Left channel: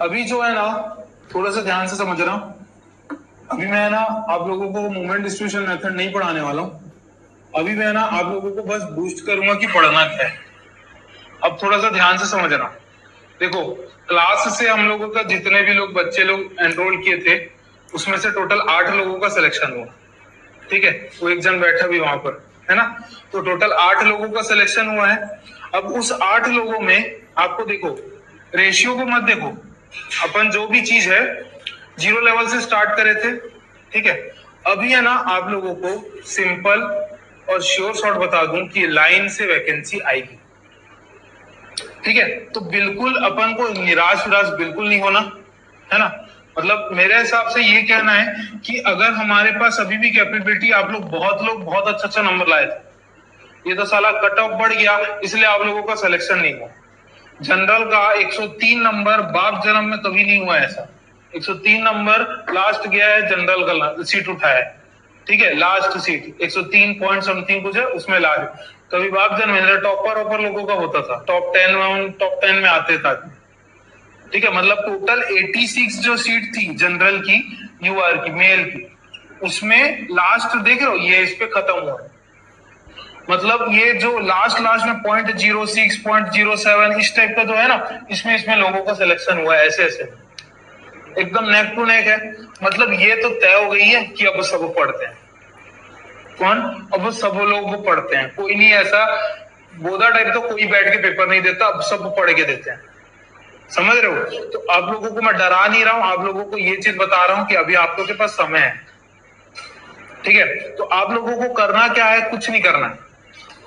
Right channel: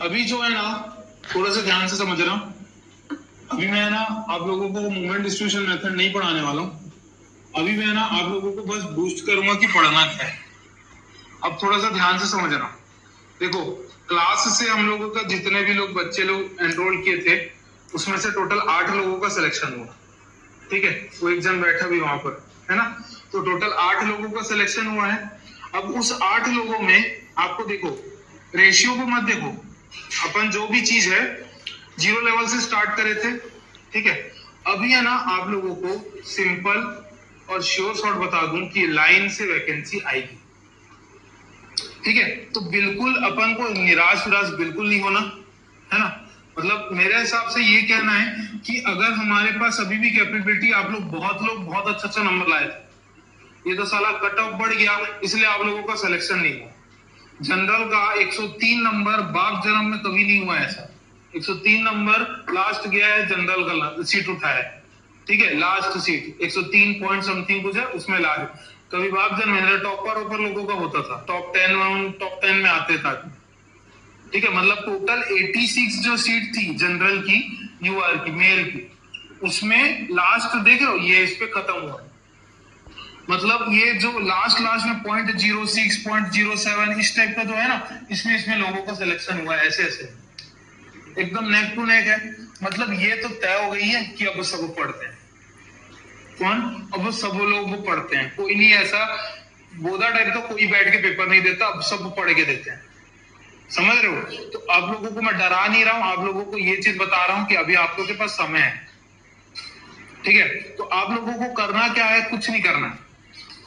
अभी जो है ना, थोड़ा सा ध्यान से समझना। अभी मैं ना आप लोगों को मूवमेंट डिस्ट्रीब्यूशन मेथड नहीं पढ़ाने वाला हूँ। अभी मैं ना आप लोगों को बस बूस्ट करूंगा कि पढ़ना क्या है। अब थोड़ा सा ध्यान से समझना। देखो, क्लास से हम लोगों का जितने भी लोग बच्चे लोग एनरोल किए थे, उसमें से टोटल 8 लोगों का सिलेक्शन हुआ। ठीक है, वो एक जन बैठा भी वहां पर है ना। तो टोटल 8 लोगों का सिलेक्शन हुआ है। अब उस 8 लोगों में आपको देखो, रेशियो को मत देखो। अपन जो भी चीज है 0 लेवल से स्टार्ट करे थे। ठीक है, अभी है ना आप लोगों को सिंपल और श्योर शॉर्ट बता दूं कि लाइन से वैकेंसी आएगी। ठीक है, तो बिल्कुल अपन को निराश विराश बिल्कुल नहीं होना, है ना। मतलब मेरे हिसाब से ये कहना है कि अगर हमारे पास अभी भी कैपेबिलिटी, आप लोग बहुत अच्छा अच्छा नंबर लाए थे, ये तो साला कट ऑफ बढ़ गया, इसलिए आप लोगों का सिलेक्शन नहीं हुआ। जनरल का 103 नंबर बाप जन्म में कभी नहीं हुआ ऐसा। 103 नंबर लास्ट गया है जनरल का सीट उठाया है। ठीक है, लास्ट सीट 103 पॉइंट समथिंग कुछ है उसमें ला रहे। कभी बाप जन्म में टॉपर ऑपर लोगों का होता था, टॉप 10 में आते था। ठीक है, मतलब टोटल 86 जो सीट थी जनरल की, यूआर की, मेल की, उसमें लास्ट देख रहे हो ये इस पे खत्म हुआ है। मतलब ये जो लास्ट लास्ट में 0.06 0.07 इस टाइप का जो है ना, इसमें लोगों का सिलेक्शन हुआ है। ऐसे ऐसे एकदम नेक टू नेक है। मतलब ये तो तय हो गई है कि अब सब पढ़ते हैं। कौन? अब सब लोग पढ़ते हैं, कोई नहीं ऐसा बोधा टाइप तो कोई बैठ के पेपर नहीं देता, अब सब पढ़ के देते हैं। समझ रहे हो? तो आप लोगों को मैं डरा नहीं रहा हूं, आप लोगों को ये चीज बता रहा हूं कि अभी आप लोगों के पास समय है। ठीक है, तो आप लोगों को करना क्या है? कुछ नहीं करना है।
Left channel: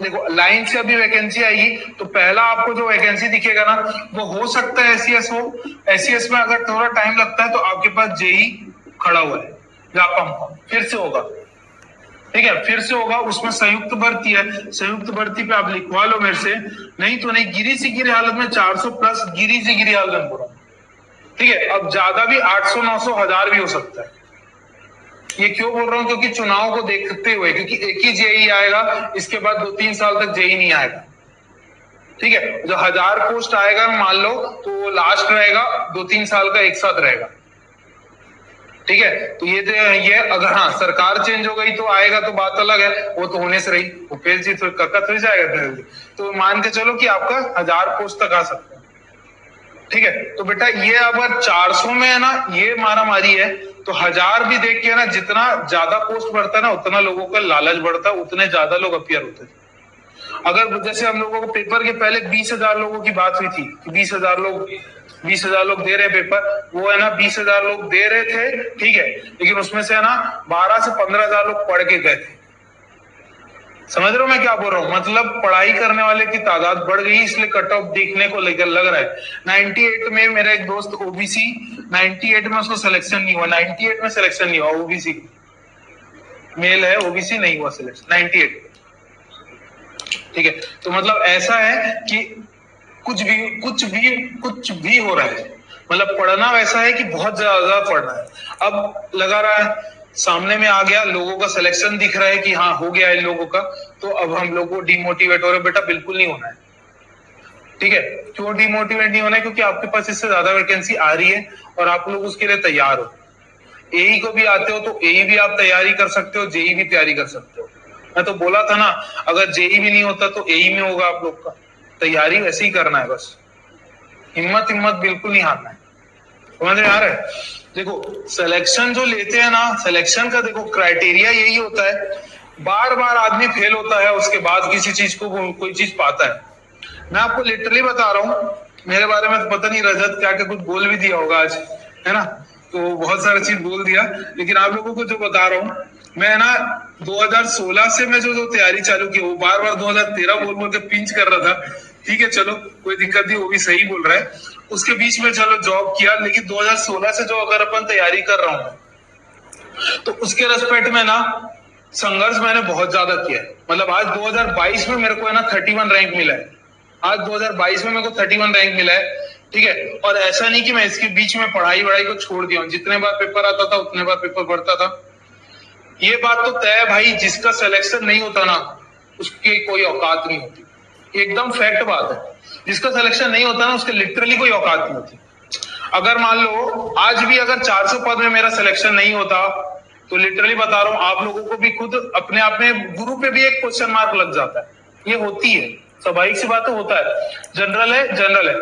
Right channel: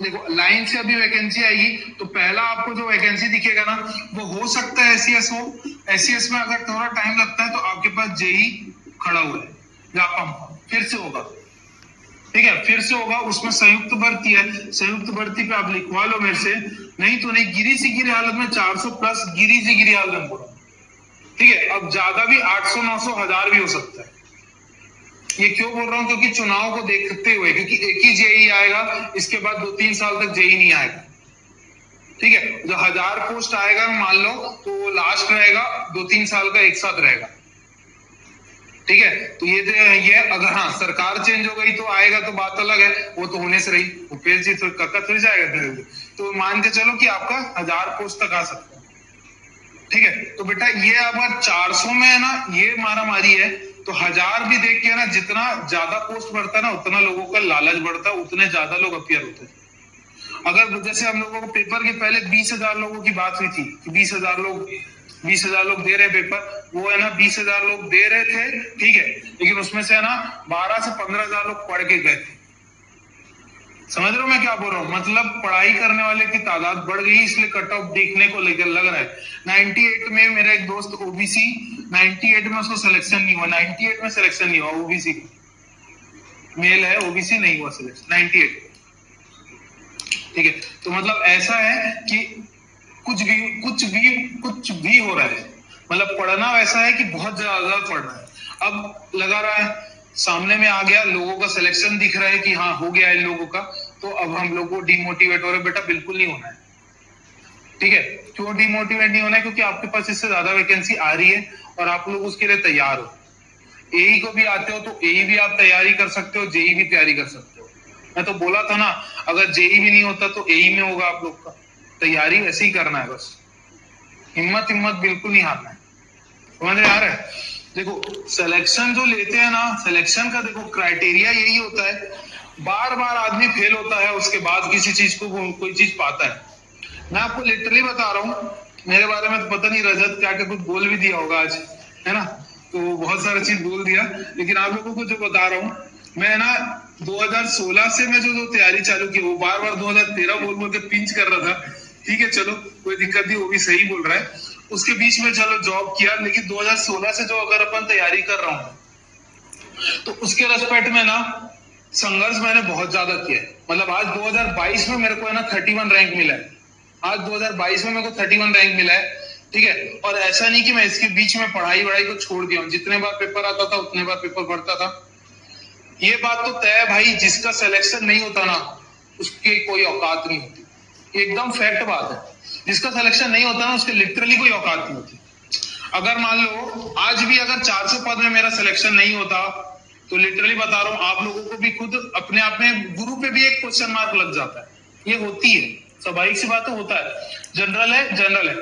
देखो, लाइन से अभी वैकेंसी आएगी तो पहला आपको जो वैकेंसी दिखेगा ना, वो हो सकता है एससीएस हो। एससीएस में अगर थोड़ा टाइम लगता है तो आपके पास जेई खड़ा हुआ है, व्यापम फिर से होगा। ठीक है, फिर से होगा, उसमें संयुक्त भर्ती है। संयुक्त भर्ती पे आप लिखवा लो मेरे से, नहीं तो नहीं, गिरी से गिरी हालत में 400 प्लस, गिरी से गिरी हालत में पूरा। ठीक है, अब ज्यादा भी 800 900 1000 भी हो सकता है। ये क्यों बोल रहा हूं? क्योंकि चुनाव को देखते हुए, क्योंकि एक ही जेई आएगा, इसके बाद 2-3 साल तक जेई नहीं आएगा। ठीक है, जो 1000 पोस्ट आएगा मान लो, तो वो लास्ट रहेगा, 2-3 साल का एक साथ रहेगा। ठीक है, तो ये अगर हाँ सरकार चेंज हो गई तो आएगा, तो बात अलग है, वो तो होने से रही। भूपेश जी तो कक्का थोड़ी जाएगा, तो मान के चलो कि आपका 1000 पोस्ट तक आ सकता है। ठीक है, तो बेटा ये अगर 400 में है ना, ये मारा मारी है, तो 1000 भी देख के ना, जितना ज्यादा पोस्ट बढ़ता है ना, उतना लोगों का लालच बढ़ता है, उतने ज्यादा लोग अपियर होते थे। अगर जैसे हम लोगों को पेपर के पहले 20,000 लोगों की बात हुई थी कि 20,000 लोग दे रहे पेपर, वो है ना 20,000 लोग दे रहे थे। ठीक है, लेकिन उसमें से है ना 12 से 15,000 लोग पढ़ के गए थे। समझ रहे हो मैं क्या बोल रहा हूँ? मतलब पढ़ाई करने वाले की तादाद बढ़ गई, इसलिए कट ऑफ देखने को लेकर लग रहा है। 98 में मेरा एक दोस्त ओबीसी, 98 में उसको सिलेक्शन नहीं हुआ, 98 में सिलेक्शन नहीं हुआ ओबीसी, मेल है, ओबीसी नहीं हुआ सिलेक्शन 98। ठीक है, तो मतलब ऐसा है कि कुछ भी हो रहा है। मतलब पढ़ना वैसा है कि बहुत ज्यादा पढ़ना है। अब लगा रहा है सामने में आ गया, लोगों का सिलेक्शन दिख रहा है कि हाँ हो गया है लोगों का, तो अब हम लोग को डिमोटिवेट हो रहे। बेटा बिल्कुल नहीं होना है। ठीक है, क्यों डिमोटिवेट नहीं होना है? क्योंकि आपके पास इससे ज्यादा वैकेंसी आ रही है और आप लोग उसके लिए तैयार हो। एई को भी आते हो तो एई भी आप तैयारी कर सकते हो, जेई भी तैयारी कर सकते हो। मैं तो बोला था ना, अगर जेई भी नहीं होता तो एई में होगा आप लोग का। तैयारी वैसे ही करना है बस, हिम्मत बिल्कुल नहीं हारना है। समझ में आ रहा है? देखो, सिलेक्शन जो लेते हैं ना, सिलेक्शन का देखो क्राइटेरिया यही होता है, बार बार आदमी फेल होता है, उसके बाद किसी चीज को कोई चीज पाता है। मैं आपको लिटरली बता रहा हूँ, मेरे बारे में तो पता नहीं रजत क्या क्या कुछ बोल भी दिया होगा आज, है ना, तो बहुत सारा चीज बोल दिया। लेकिन आप लोगों को जो बता रहा हूँ मैं ना, 2016 से मैं जो तैयारी चालू की, वो बार बार 2013 बोल के पिंच कर रहा था। ठीक है, चलो कोई दिक्कत नहीं, वो भी सही बोल रहा है। उसके बीच में चलो जॉब किया, लेकिन 2016 से जो अगर अपन तैयारी कर रहा हूँ, तो उसके रेस्पेक्ट में ना संघर्ष मैंने बहुत ज्यादा किया है। मतलब आज 2022 में मेरे को है ना 31 रैंक मिला है। आज 2022 में मेरे को 31 रैंक मिला है। ठीक है, और ऐसा नहीं कि मैं इसके बीच में पढ़ाई वढ़ाई को छोड़ दिया हूँ। जितने बार पेपर आता था उतने बार पेपर पढ़ता था। ये बात तो तय है भाई, जिसका सिलेक्शन नहीं होता ना, उसकी कोई औकात नहीं होती। एकदम फैक्ट बात है, जिसका सिलेक्शन नहीं होता ना, उसके लिटरली कोई औकात नहीं होती। अगर मान लो आज भी अगर 400 पद में मेरा सिलेक्शन नहीं होता तो लिटरली बता रहा हूं आप लोगों को भी खुद अपने आप में गुरु पे भी एक क्वेश्चन मार्क लग जाता है। ये होती है, स्वाभाविक सी बात होता है, जनरल है।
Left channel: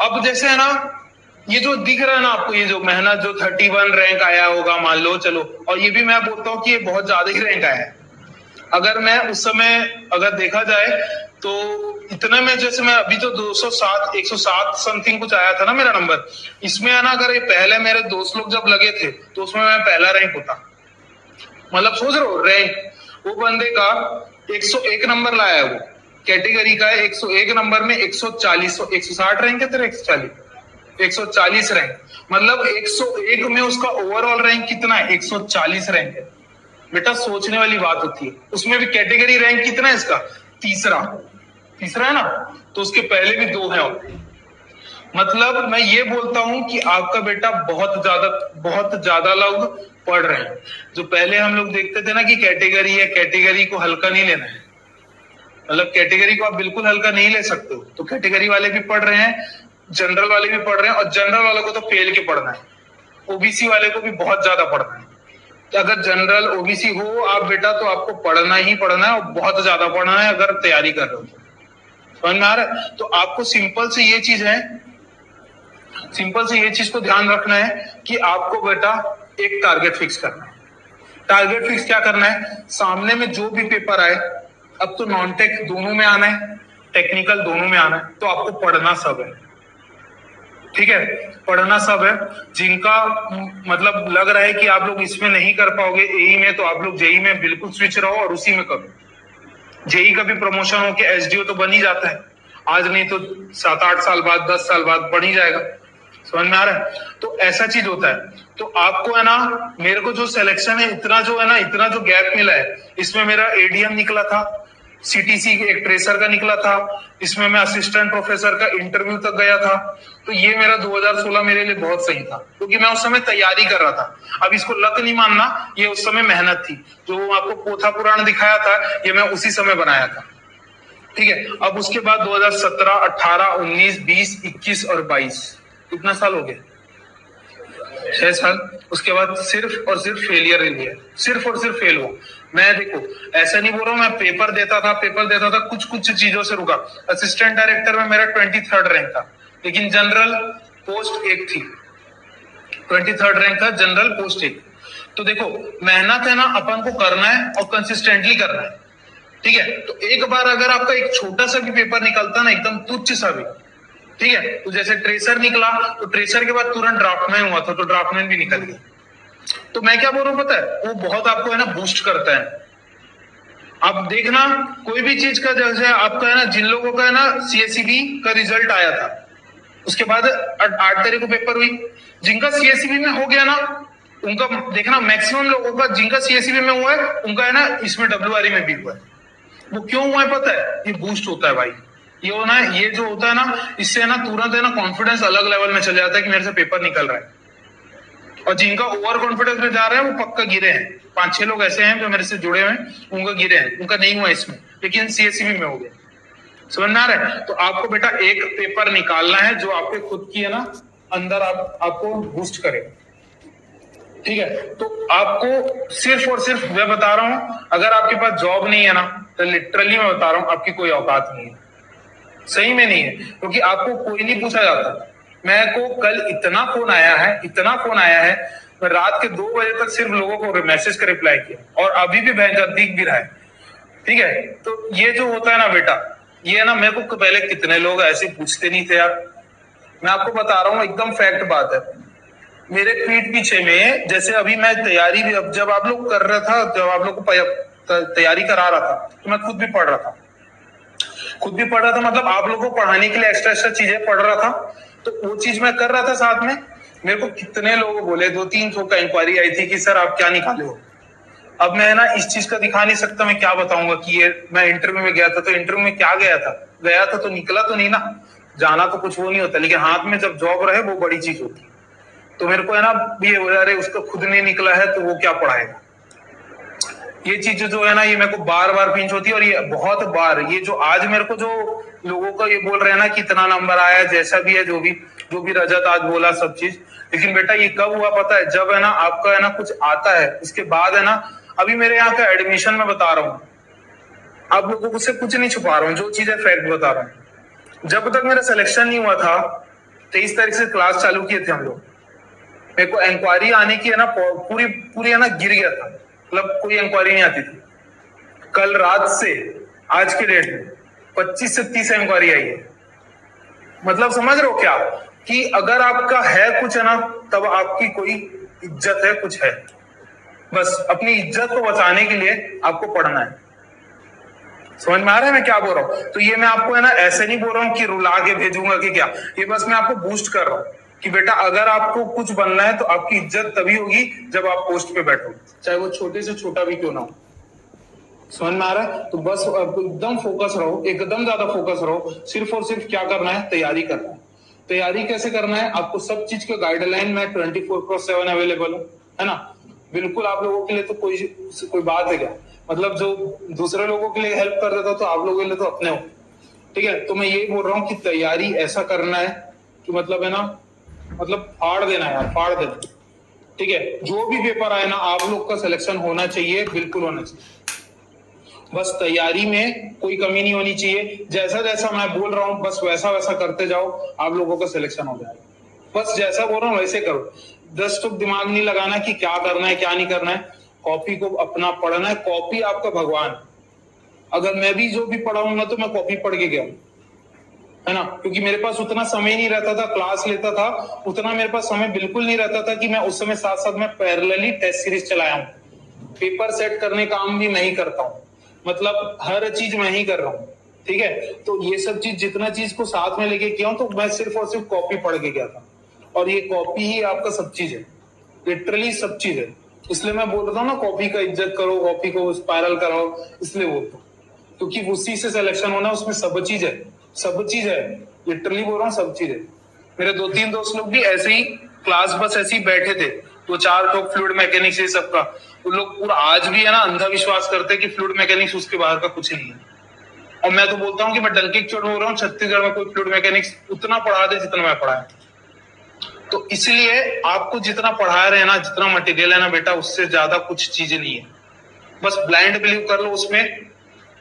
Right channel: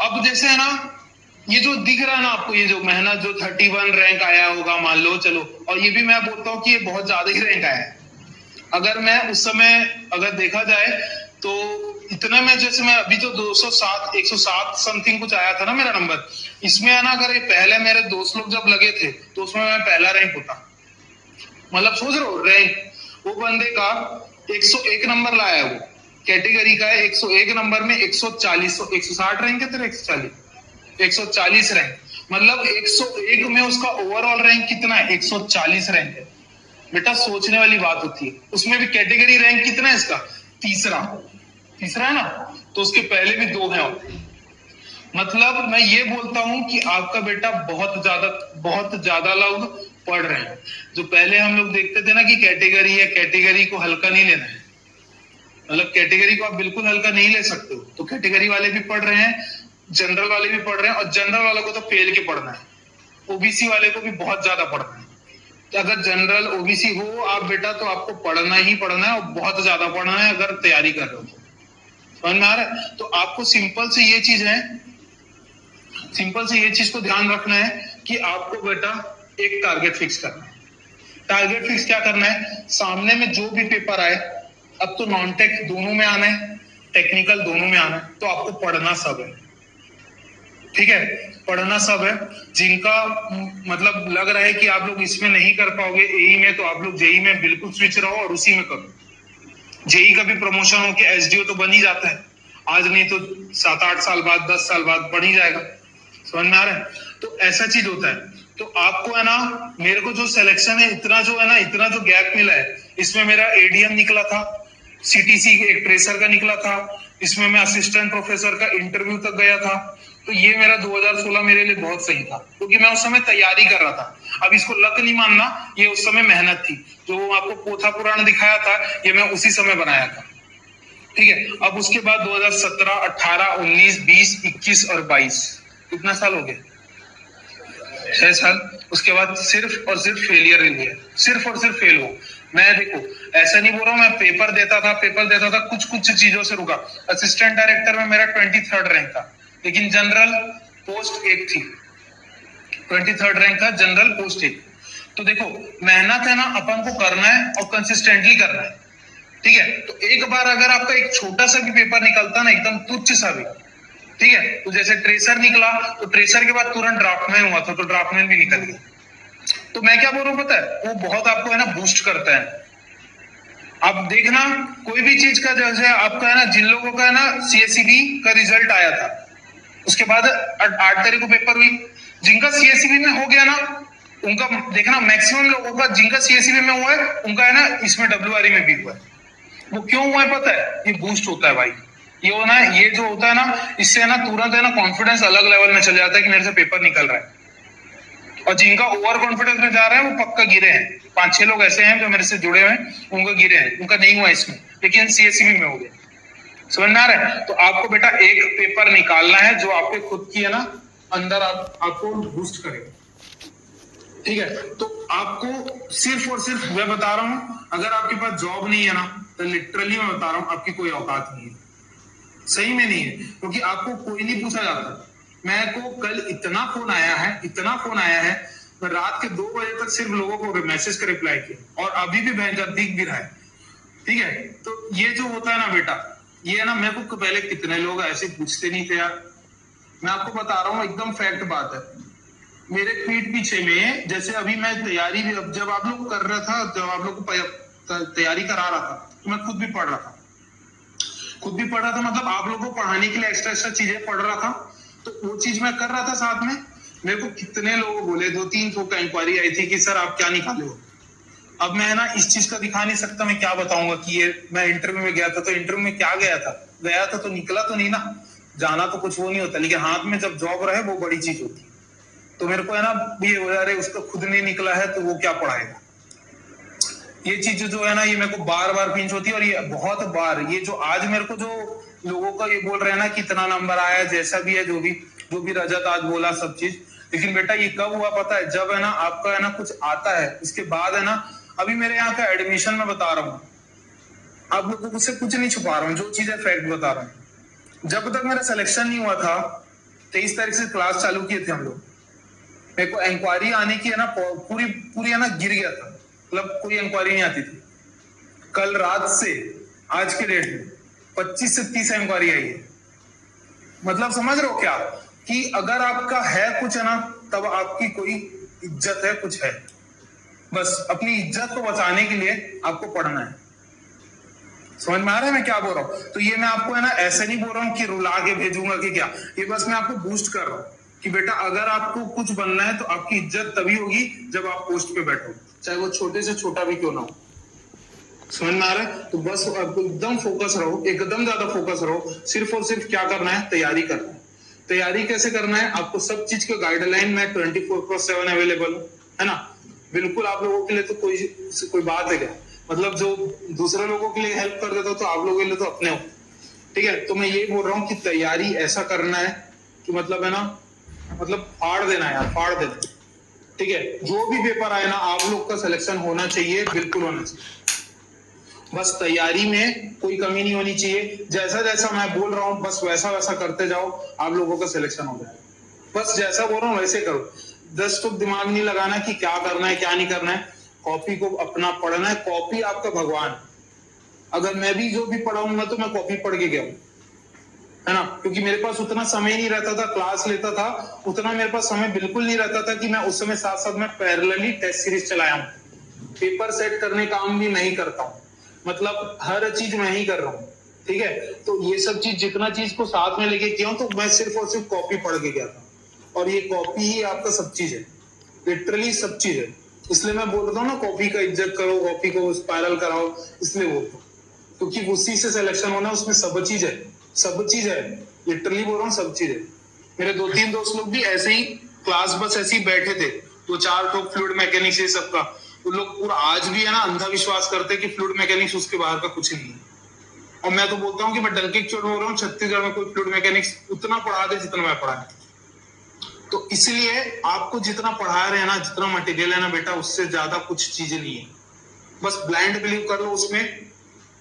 अब जैसे है ना, ये जो दिख रहा है ना आपको, ये जो मेहनत जो 31 रैंक आया होगा मान लो, चलो, और ये भी मैं बोलता हूँ कि ये बहुत ज्यादा ही रैंक आया है। अगर मैं उस समय अगर देखा जाए तो इतने में, जैसे मैं अभी तो 207 107 समथिंग कुछ आया था ना मेरा नंबर, इसमें है ना अगर ये पहले मेरे दोस्त लोग जब लगे थे तो उसमें मैं पहला रैंक होता। मतलब सोच रहे हो रैंक, वो बंदे का 101 नंबर लाया है, वो कैटेगरी का है, 101 नंबर में 140 160 रैंक है तेरा, 140 रैंक, मतलब 101 में उसका ओवरऑल रैंक कितना है, 140 रैंक है। बेटा सोचने वाली बात होती है। उसमें भी कैटेगरी रैंक कितना है इसका, तीसरा है ना, तो उसके पहले भी 2 हैं। मतलब मैं ये बोलता हूं कि आपका बेटा बहुत ज्यादा लोग पढ़ रहे हैं। जो पहले हम लोग देखते थे ना कि कैटेगरी है, कैटेगरी को हल्का नहीं लेना है, मतलब कैटेगरी को आप बिल्कुल हल्का नहीं ले सकते हो, तो कैटेगरी वाले भी पढ़ रहे हैं, जनरल वाले भी पढ़ रहे हैं, और जनरल वालों को तो फेल के पढ़ना है, ओबीसी वाले को भी बहुत ज्यादा पढ़ना है। अगर जनरल ओबीसी हो आप बेटा तो आपको पढ़ना ही पढ़ना है, और बहुत ज्यादा पढ़ना है अगर तैयारी कर रहे हो। समझ में आ रहा है? तो आपको सिंपल से ये चीज को ध्यान रखना है कि आपको बेटा एक टारगेट फिक्स करना है। टारगेट फिक्स क्या करना है, सामने में जो भी पेपर आए, अब तो नॉन टेक दोनों में आना है, टेक्निकल दोनों में आना है, तो आपको पढ़ना सब है। ठीक है, पढ़ना सब है। जिनका मतलब लग रहा है कि आप लोग इसमें नहीं कर पाओगे एई में, तो आप लोग जेई में बिल्कुल स्विच रहो और उसी में करो। जेई का भी प्रमोशन होके एसडीओ तो बन ही जाता है, आज नहीं तो 7-8 साल बाद, 10 साल बाद बन ही जाएगा। समझ में आ रहा है? तो ऐसा चीज होता है। तो आपको है ना, मेरे को जो सिलेक्शन है, इतना जो गैप मिला है, इसमें मेरा एडीएम निकला था, सीटीसी एक ट्रेसर का निकला था, इसमें मैं असिस्टेंट प्रोफेसर का इंटरव्यू तक गया था। तो ये मेरा 2016 मेरे लिए बहुत सही था, क्योंकि मैं उस समय तैयारी कर रहा था। अब इसको लक नहीं मानना, ये उस समय मेहनत थी। जो आपको पोथा पुराण दिखाया था, ये मैं उसी समय बनाया था। ठीक है, अब उसके बाद 2017, 18, 19, 20, 21 और 22, कितना साल हो गए, 6 साल। उसके बाद सिर्फ और सिर्फ फेलियर ही हुआ, सिर्फ और सिर्फ फेल हुआ। मैं देखो ऐसा नहीं बोल रहा हूँ, मैं पेपर देता था, कुछ चीजों से रुका। असिस्टेंट डायरेक्टर में मेरा 23rd रैंक था, लेकिन जनरल पोस्ट 1 थी, 23rd रैंक था, जनरल पोस्ट 1। तो देखो मेहनत है ना, अपन को करना है और कंसिस्टेंटली करना है। ठीक है, तो एक बार अगर आपका एक छोटा सा भी पेपर निकलता ना, एकदम तुच्छ सा भी, ठीक है, तो जैसे ट्रेसर निकला, तो ट्रेसर के बाद तुरंत ड्राफ्टमैन हुआ था, तो ड्राफ्टमैन भी निकल गया। तो मैं क्या बोल रहा हूँ पता है, वो बहुत आपको है ना बूस्ट करता है। आप देखना कोई भी चीज का, जैसे आपका है ना, जिन लोगों का है ना सीएससीबी का रिजल्ट आया था, उसके बाद 8 तारीख को पेपर हुई, जिनका सीएससीबी में हो गया ना, उनका देखना मैक्सिमम लोगों का जिनका सीएससीबी में हुआ है, उनका है ना इसमें डब्ल्यूआरई में भी हुआ है। वो क्यों हुआ है पता है, ये बूस्ट होता है भाई। ये होना है, ये जो होता है ना, इससे है ना तुरंत है ना कॉन्फिडेंस अलग लेवल में चले जाता है कि मेरे से पेपर निकल रहा है। और जिनका ओवर कॉन्फिडेंस में जा रहा है वो पक्का गिरे हैं। 5-6 लोग ऐसे हैं जो मेरे से जुड़े हुए हैं, उनका गिरे हैं, उनका नहीं हुआ इसमें, लेकिन सीएससीबी में हो गया। समझ में आ रहा है? तो आपको बेटा एक पेपर निकालना है जो आपके खुद की है ना अंदर आपको बूस्ट करे। ठीक है, तो आपको सिर्फ और सिर्फ मैं बता रहा हूं, अगर आपके पास जॉब नहीं है ना, तो लिटरली मैं बता रहा हूं आपकी कोई औकात नहीं है, सही में नहीं है, क्योंकि आपको कोई नहीं पूछा जाता। मैं को कल इतना फोन आया है, मैं रात के 2 बजे तक सिर्फ लोगों को मैसेज का रिप्लाई किया, और अभी भी भयंकर दिख भी रहा है। ठीक है, तो ये जो होता है ना बेटा, ये है ना, मेरे को पहले कितने लोग ऐसे पूछते नहीं थे यार। मैं आपको बता रहा हूँ, एकदम फैक्ट बात है। मेरे पीठ पीछे में, जैसे अभी मैं तैयारी भी, जब आप लोग कर रहा था, जब आप लोग को तैयारी करा रहा था, तो मैं खुद भी पढ़ रहा था, मतलब आप लोगों को पढ़ाने के लिए एक्स्ट्रा चीजें पढ़ रहा था। तो वो चीज मैं कर रहा था साथ में। मेरे को कितने लोग बोले, 2-3 का इंक्वायरी आई थी कि सर आप क्या निकाले हो। अब मैं ना इस चीज का दिखा नहीं सकता, मैं क्या बताऊंगा कि ये मैं इंटरव्यू में गया था, तो इंटरव्यू में क्या गया था तो निकला तो नहीं ना, जाना तो कुछ वो नहीं होता, लेकिन हाथ में जब जॉब रहे वो बड़ी चीज होती है। तो मेरे को है ना ये अरे उसका खुद नहीं निकला है तो वो क्या पढ़ाएगा। ये चीज जो है ना, ये मेरे को बार बार पिंच होती है, और ये बहुत बार, ये जो आज मेरे को जो लोगों का ये बोल रहे हैं ना कि इतना नंबर आया, जैसा भी है जो भी, जो भी रजत आज बोला सब चीज। लेकिन बेटा ये कब हुआ पता है, जब है ना आपका है ना कुछ आता है, उसके बाद है ना, अभी मेरे यहाँ का एडमिशन में बता रहा हूँ, आप लोगों को से कुछ नहीं छुपा रहा हूँ, जो चीज है फैक्ट बता रहा हूँ। जब तक मेरा सिलेक्शन नहीं हुआ था, 23 तारीख से क्लास चालू किए थे हम लोग, मेरे को इंक्वायरी आने की है ना पूरी पूरी है ना गिर गया था, मतलब कोई इंक्वायरी नहीं आती थी। कल रात से आज के डेट में 25 से 30 इंक्वायरी आई है। मतलब समझ रहे हो क्या, कि अगर आपका है कुछ है ना, तब आपकी कोई इज्जत है, कुछ है। बस अपनी इज्जत को बचाने के लिए आपको पढ़ना है। समझ में आ रहा है मैं क्या बोल रहा हूँ? तो ये मैं आपको है ना ऐसे नहीं बोल रहा हूँ कि रुला के भेजूंगा कि क्या, ये बस मैं आपको बूस्ट कर रहा हूँ कि बेटा अगर आपको कुछ बनना है तो आपकी इज्जत तभी होगी जब आप पोस्ट पे बैठो, चाहे वो छोटे से छोटा भी क्यों ना हो। समझ में आ रहा है? तो बस एकदम फोकस रहो, एकदम ज्यादा फोकस रहो। सिर्फ और सिर्फ क्या करना है, तैयारी करना है। तैयारी कैसे करना है, आपको सब चीज का गाइडलाइन में 24/7 अवेलेबल है ना। बिल्कुल आप लोगों के लिए तो कोई बात है क्या, मतलब जो दूसरे लोगों के लिए हेल्प कर देता हो तो आप लोगों के लिए तो अपने हो। ठीक है, तो मैं यही बोल रहा हूँ कि तैयारी ऐसा करना है कि मतलब है ना, मतलब फाड़ देना यार, फाड़ देना। ठीक है, जो भी पेपर आए ना, आप लोग का सिलेक्शन होना चाहिए, बिल्कुल होना चाहिए। बस तैयारी में कोई कमी नहीं होनी चाहिए। जैसा जैसा मैं बोल रहा हूँ बस वैसा वैसा करते जाओ, आप लोगों का सिलेक्शन हो जाएगा। बस जैसा बोल रहा हूँ वैसे करो। 10 तो दिमाग नहीं लगाना कि क्या करना है क्या नहीं करना है। कॉपी को अपना पढ़ना है, कॉपी आपका भगवान। अगर मैं भी जो भी पढ़ाऊंगा तो मैं कॉपी पढ़ के गया हूँ, है ना, क्योंकि मेरे पास उतना समय नहीं रहता था, क्लास लेता था उतना मेरे पास समय बिल्कुल नहीं रहता था कि मैं उस समय साथ साथ में पैरेलली टेस्ट सीरीज चलाया हूँ। पेपर सेट करने का काम भी मैं ही करता हूँ, मतलब हर चीज मैं ही कर रहा हूँ। ठीक है, तो ये सब चीज जितना चीज को साथ में लेके किया हूँ, तो मैं सिर्फ और सिर्फ कॉपी पढ़ के गया था। और ये कॉपी ही आपका सब चीज है, लिटरली सब चीज है। इसलिए मैं बोल रहा हूँ ना, कॉपी का इज्जत करो, कॉपी को स्पायरल कराओ, इसलिए बोलता हूँ क्योंकि उसी से सिलेक्शन होना, उसमें सब चीज है, सब चीज है, लिटरली बोल रहा हूँ सब चीज है। मेरे 2-3 दोस्त लोग भी ऐसे ही क्लास बस ऐसे ही बैठे थे, वो 4 लोग फ्लूइड मैकेनिक्स ये सबका, वो लोग पूरा आज भी है ना अंधविश्वास करते हैं कि फ्लूइड मैकेनिक्स उसके बाहर का कुछ नहीं है। और मैं तो बोलता हूँ कि मैं डंके की चोट बोल रहा हूँ, छत्तीसगढ़ में कोई फ्लूइड मैकेनिक्स उतना पढ़ा दे जितना मैं पढ़ाया। तो इसलिए आपको जितना पढ़ा रहे हैं ना, जितना मटेरियल है ना बेटा, उससे ज्यादा कुछ चीजें नहीं है। बस ब्लाइंड बिलीव कर लो उसमें,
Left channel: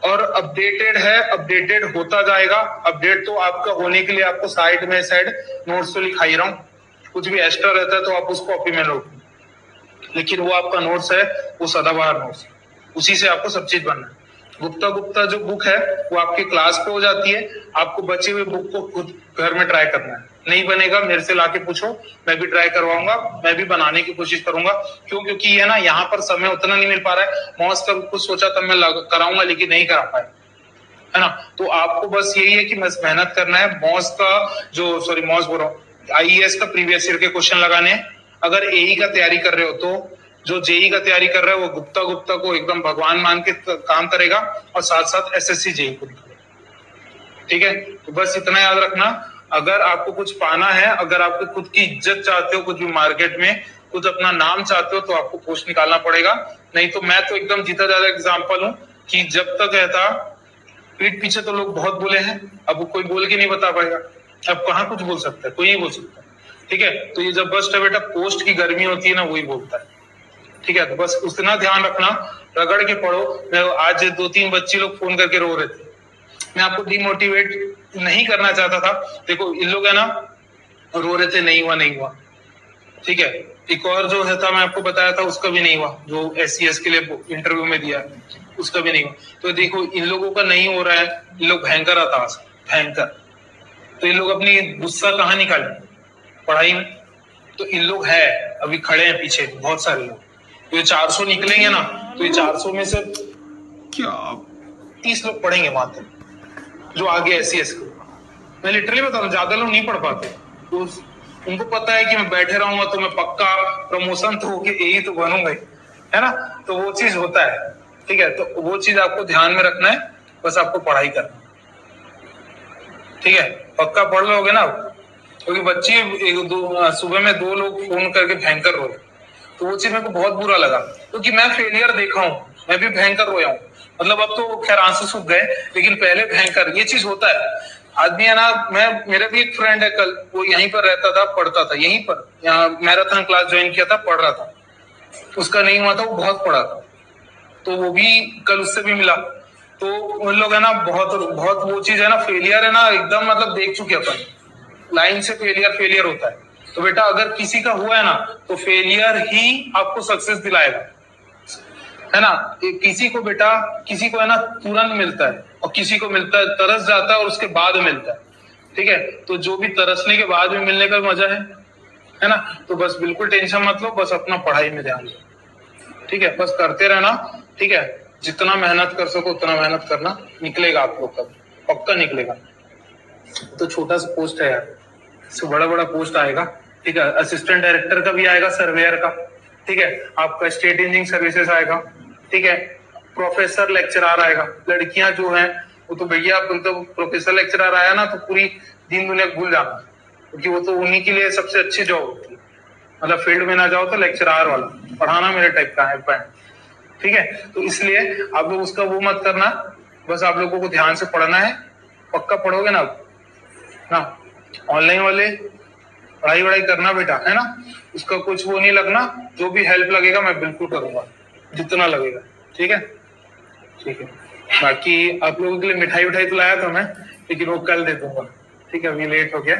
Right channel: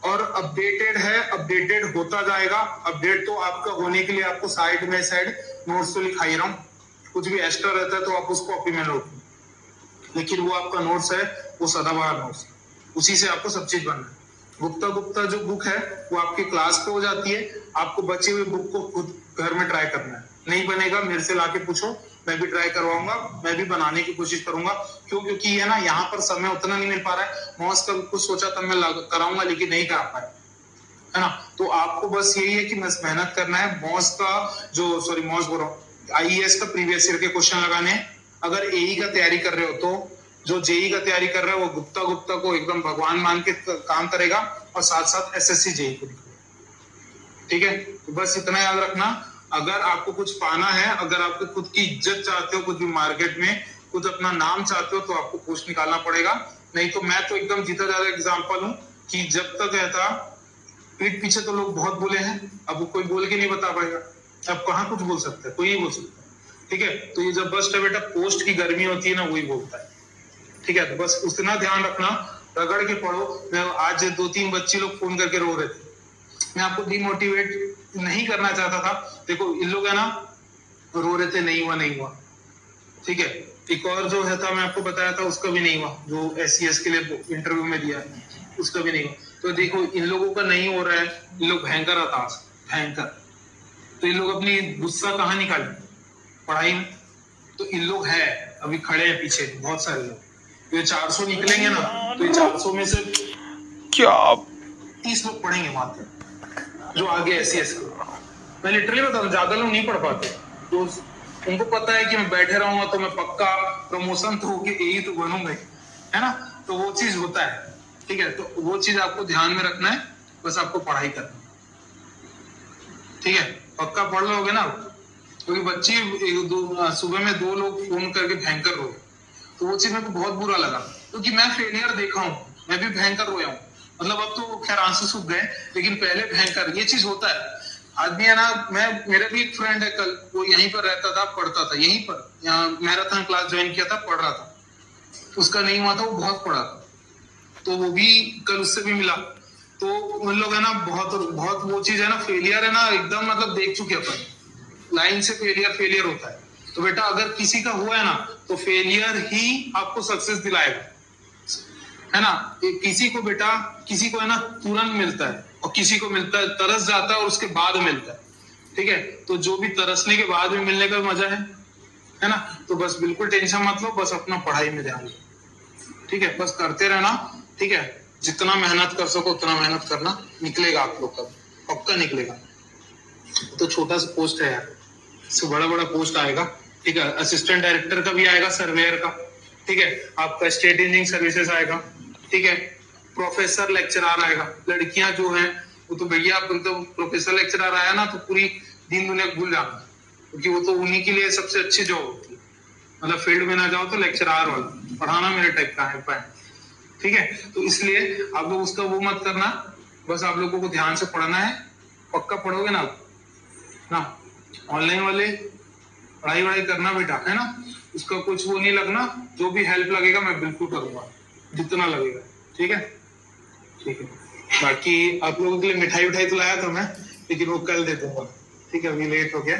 और अपडेटेड है, अपडेटेड होता जाएगा। अपडेट तो आपका होने के लिए आपको साइड में साइड नोट्स तो लिखा ही रहा हूँ, कुछ भी एक्स्ट्रा रहता है तो आप उसको कॉपी में लो, लेकिन वो आपका नोट्स है, वो सदाबहार नोट्स, उसी से आपको सब चीज बनना है। गुप्ता गुप्ता जो बुक है वो आपके क्लास पे हो जाती है, आपको बचे हुए बुक को खुद घर में ट्राई करना है। नहीं बनेगा मेरे से लाके पूछो, मैं भी ट्राई करवाऊंगा, मैं भी बनाने की कोशिश करूंगा। क्यों? क्योंकि ये ना यहाँ पर समय उतना नहीं मिल पा रहा है। मॉस का कुछ सोचा तब मैं कराऊंगा, लेकिन नहीं करा पाया, है ना। तो आपको बस यही है कि बस मेहनत करना है। मॉस का मॉस बोल रहा हूँ, IAS का प्रीवियस ईयर के क्वेश्चन लगाने हैं। अगर AE का तैयारी कर रहे हो तो जो JEE का तैयारी कर रहा है वो गुप्ता गुप्ता को एकदम भगवान मान के काम करेगा, और साथ साथ SSC JEE को भी। ठीक है, तो बस इतना याद रखना, अगर आपको कुछ पाना है, अगर आपको खुद की इज्जत चाहते हो, कुछ भी मार्केट में कुछ अपना नाम चाहते हो, तो आपको पोस्ट निकालना पड़ेगा। नहीं तो मैं तो एकदम जीता ज्यादा एग्जाम्पल हूँ कि जब तक रहता पीठ पीछे तो लोग बहुत बोले हैं, अब कोई बोल के नहीं बता पाएगा। अब कहाँ कुछ बोल सकता है, कोई नहीं बोल सकता। ठीक है, तो ये जब बस बेटा पोस्ट की गर्मी होती है ना, वही बोलता है। ठीक है, तो बस उतना ध्यान रखना, रगड़ के पढ़ो। मैं आज 2-3 बच्चे लोग फोन करके रो रहे थे, मैं आपको डिमोटिवेट नहीं करना चाहता था। देखो इन लोग है ना रो रहे थे, नहीं हुआ नहीं हुआ। ठीक है, एक और जो है था मैं आपको बताया था, उसका भी नहीं हुआ, जो SCS के लिए इंटरव्यू में दिया उसका भी नहीं हुआ। तो देखो इन लोगों का नहीं हो रहा है, इन लोग भयंकर हताश, भयंकर। तो इन लोग अपनी गुस्सा कहाँ निकाले? पढ़ाई में। तो इन लोग है अभी खड़े हैं पीछे बहुत सारे लोग, तो ये 400 निकलेंगे ना, तो ये 400 में से क्या 30 लोग पढ़ेंगे वहां तक, जो आगे SCS के। मैं लिटरली बता रहा हूँ, ज्यादा लोग नहीं पढ़ पाते, तो उनको पता है कि मैं बैठे रहूंगा तो मैं पक्का प्रमोशन तो होके यही तो बनूंगा ही, है ना। तो वो चीज होता है। ठीक है, तो वो चीज आपको ध्यान में रखना है, बस आपको पढ़ाई करना है। ठीक है, पक्का पढ़ लोगे ना, क्योंकि बच्चे सुबह में 2 लोग फोन करके भयंकर रो, तो वो चीज मेरे को बहुत बुरा लगा, क्योंकि मैं फेलियर देखा हूँ, मैं भी भयंकर रोया हूँ। मतलब अब तो खैर आंसू सूख गए, लेकिन पहले भयंकर ये चीज होता है। आदमी है ना, मेरा भी एक फ्रेंड है, कल वो यहीं पर रहता था, पढ़ता था यहीं पर, यहाँ मैराथन क्लास ज्वाइन किया था, पढ़ रहा था, उसका नहीं हुआ था, वो बहुत पढ़ा था, तो वो भी कल उससे भी मिला। तो उन लोग है ना, बहुत बहुत वो चीज है ना, फेलियर है ना एकदम, मतलब देख चुके अपन, लाइन से फेलियर होता है। तो बेटा अगर किसी का हुआ है ना, तो फेलियर ही आपको सक्सेस दिलाएगा, है ना। किसी को बेटा, किसी को है ना तुरंत मिलता है, और किसी को मिलता है तरस जाता है और उसके बाद मिलता है, ठीक है। तो जो भी तरसने के बाद में मिलने का मजा है ना। तो बस बिल्कुल टेंशन मत लो, बस अपना पढ़ाई में ध्यान दो, ठीक है, बस करते रहना, ठीक है। जितना मेहनत कर सको उतना मेहनत करना, निकलेगा आप लोग का, पक्का निकलेगा। तो छोटा सा पोस्ट है यार, इससे बड़ा बड़ा पोस्ट आएगा, ठीक है। असिस्टेंट डायरेक्टर का भी आएगा, सर्वेयर का, ठीक है। आपका स्टेट इंजीनियरिंग सर्विसेज आएगा, ठीक है। प्रोफेसर लेक्चरर आएगा, लड़कियां जो हैं वो तो भैया, तो प्रोफेसर लेक्चरर आया ना तो पूरी दीन दुनिया भूल जाना, क्योंकि वो तो उन्हीं के लिए सबसे अच्छी जॉब होती है। मतलब फील्ड में ना जाओ तो लेक्चरर वाला पढ़ाना मेरे टाइप का है पैंट, ठीक है। तो इसलिए आप लोग उसका वो मत करना, बस आप लोगों को ध्यान से पढ़ना है, पक्का पढ़ोगे ना ना। ऑनलाइन वाले पढ़ाई वढ़ाई करना बेटा, है ना, उसका कुछ वो नहीं लगना, जो भी हेल्प लगेगा मैं बिल्कुल करूंगा, जितना लगेगा, ठीक है, ठीक है। बाकी आप लोगों के लिए मिठाई उठाई तो लाया था मैं, लेकिन वो कल दे दूंगा, ठीक है, अभी लेट हो गया।